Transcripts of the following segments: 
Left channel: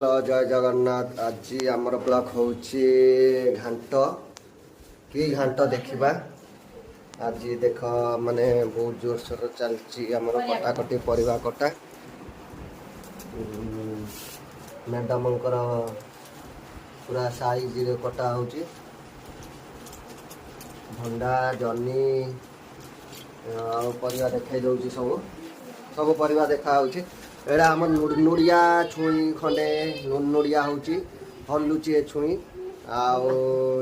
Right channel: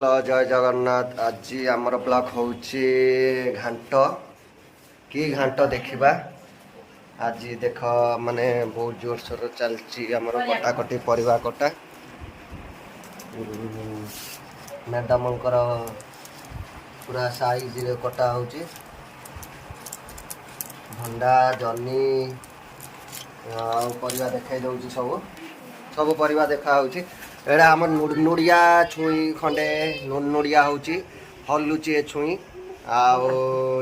Hello जय जगन्नाथ। आज आमर ब्लॉग होची घांट कि घांट देखा। आज देख माने बहुत जोर सोर चलची आमर कटाकटी परिवा कटा। मैडम पूरा साइज कटा होची भंडा जन्नी परिवा देखा दूसरी सब सब परिवा देखा होची। एड़ा आम नुड़िया छुई खंडे नुड़िया होची हलुची ए छुई आउ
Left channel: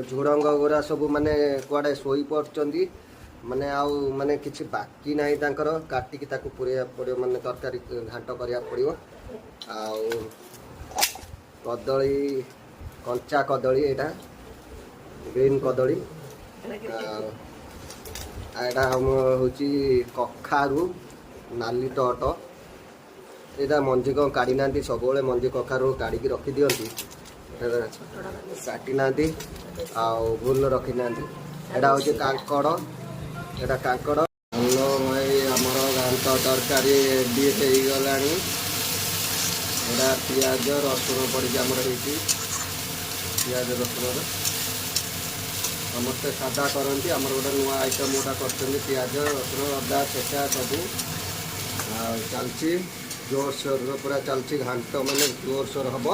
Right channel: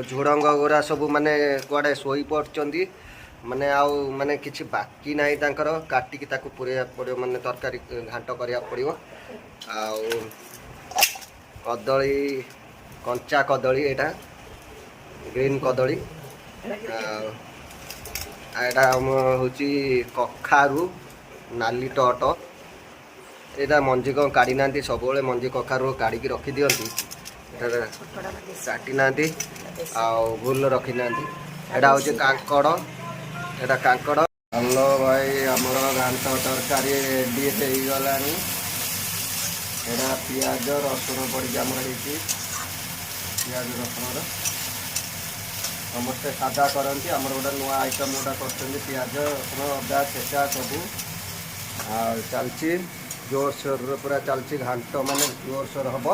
झुड़ंग गुरा सब माने कुआडे सोई पड़चंदी माने आउ माने किछि बाकी नाही तांकर काटिकी ताकू पुरेया पड़ियो माने तरकारी घांट करिया पड़ियो। आउ कदली कंचा कदली एटा ग्रीन कदली एटा हम होची कखारू नाली टट एटा मंजी कौन काढ़ी ना सब मंजी कखारू काढ़ी रखी दिखती काटी ना भूल रखी ना एटा हूँ कांकड़ एटा कांकड़। हेलो भाई आमर घांट तरकारी रेडी हो गला एटा पियाज रसुण पड़ी आमर पियाज रसुण समस्ते सादा करती आमर गोटे नुआ आइटम गोटा कर पियाज रसुण अदा छेचा सबू चलची जोर सोर पूरा चलची घांट माने जोर सोर हम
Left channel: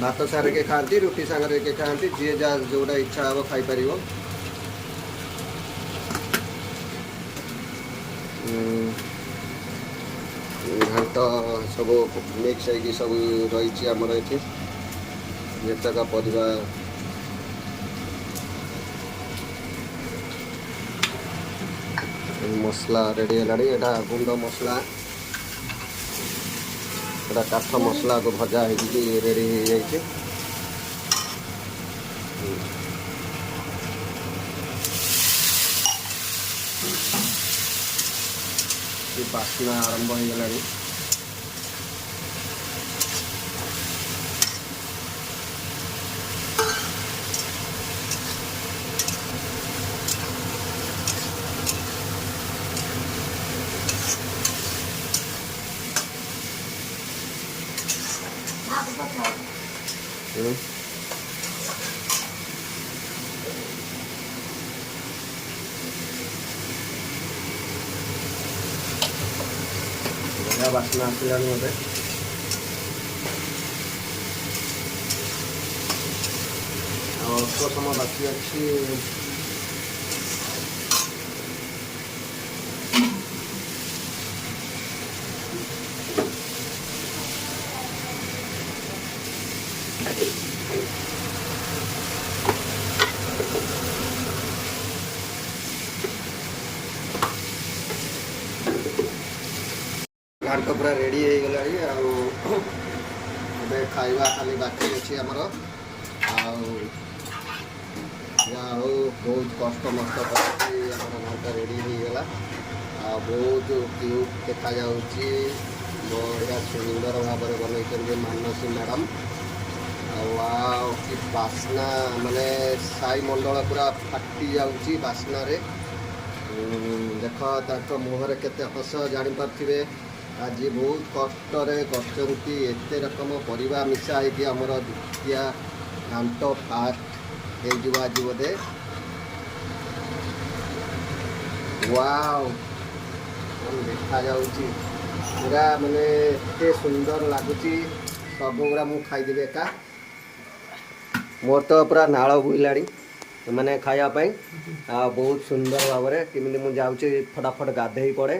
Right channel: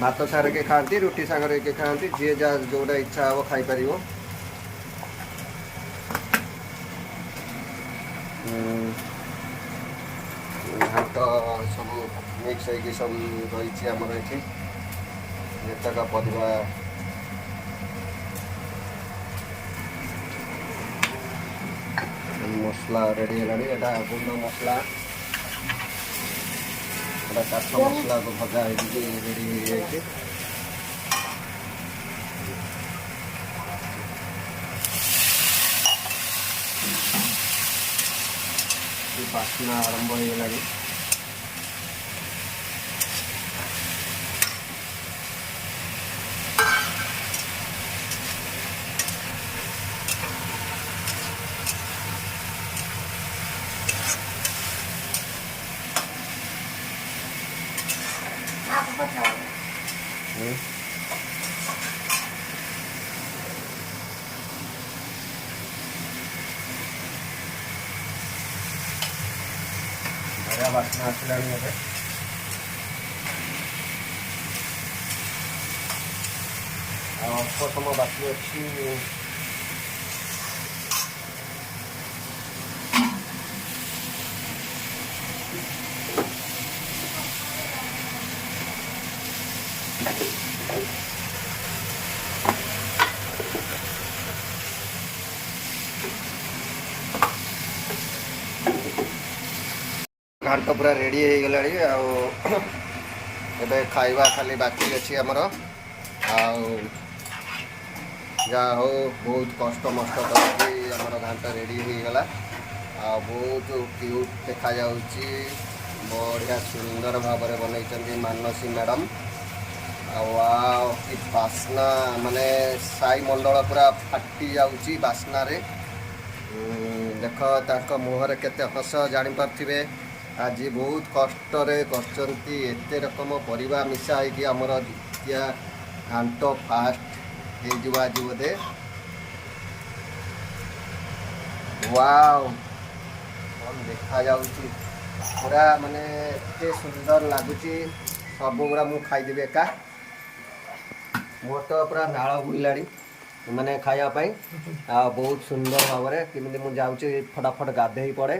भात सारे के खाती रुटी सांगे के खाती जी जा जोटा इच्छा हम खाईपर। घांट सब मिक्स हो सब रही आमर ये जेतक परिवा मसला रेडी है एटा गुंड मसला एटा काठ मसला को भजा हो रेडी हो जाए। बास्ना आरंभ हो गला बढ़िया बास्ना आसला मत अल्प समय बाकी अच्छी घांट पूरा रेडी हो गला एबे खाइबा खाली बाकी अच्छी आमर जा हो बहुत कष्ट मस्ट कर घांट रेडी हो गला बहुत क्यूट देखा जाउची बढ़िया सुंदर भाव में बनई मानसी मैडम वाव कि बास्ना माने साई मंडल पूरा फाटी जाउची बास्ना रे। देख तांको मुहर केते हस जानी पारथिबे आज बहुत कष्ट करचंती एते रकम परिवा मिसा कि आमर द्वितीय घांट फास्ट हो आज बोधे। वाव कौन देखा जाउची पूरा माने एते सुंदर लगुची सब गुड़ा मु खाईदेवी एका मोर तो पूरा नाल बुलाड़ी मैंने खायापाई बहुत सुंदर भाव में किमी मुझे जाऊँगी फटाफट गाधे पड़े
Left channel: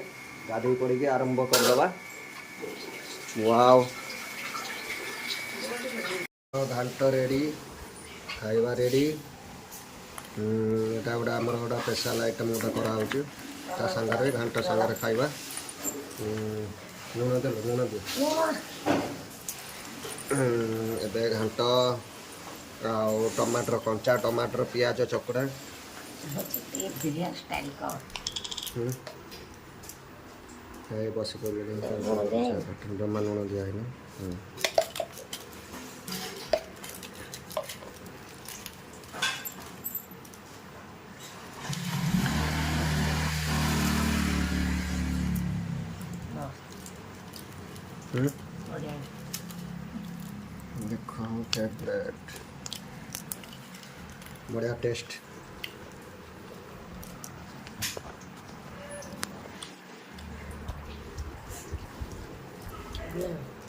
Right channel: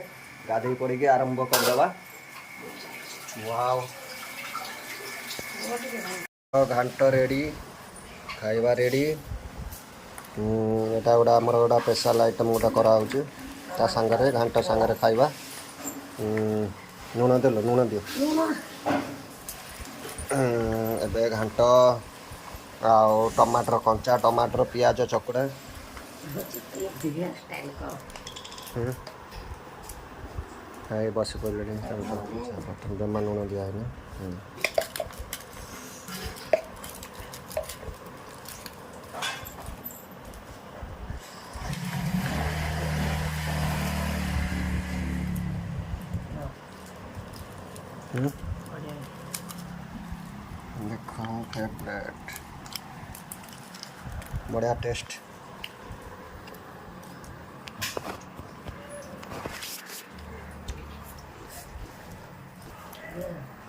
गाधे पड़ी आरंभ करदे। वाव घांट रेडी खाइबा रेडी एटा गोटा आमर गोटा स्पेशल आइटम गोटा कराऊँ ता सांगरे घांट सांगरे खाइबा। लुण दिल लुण दियो एबे घांट आउ टमाटर कंचा टमाटर पियाज चकुड़ा बस पड़े जमा लुण दिया है। बढ़िया देखो फेवरेट बढ़िया टेस्ट। है।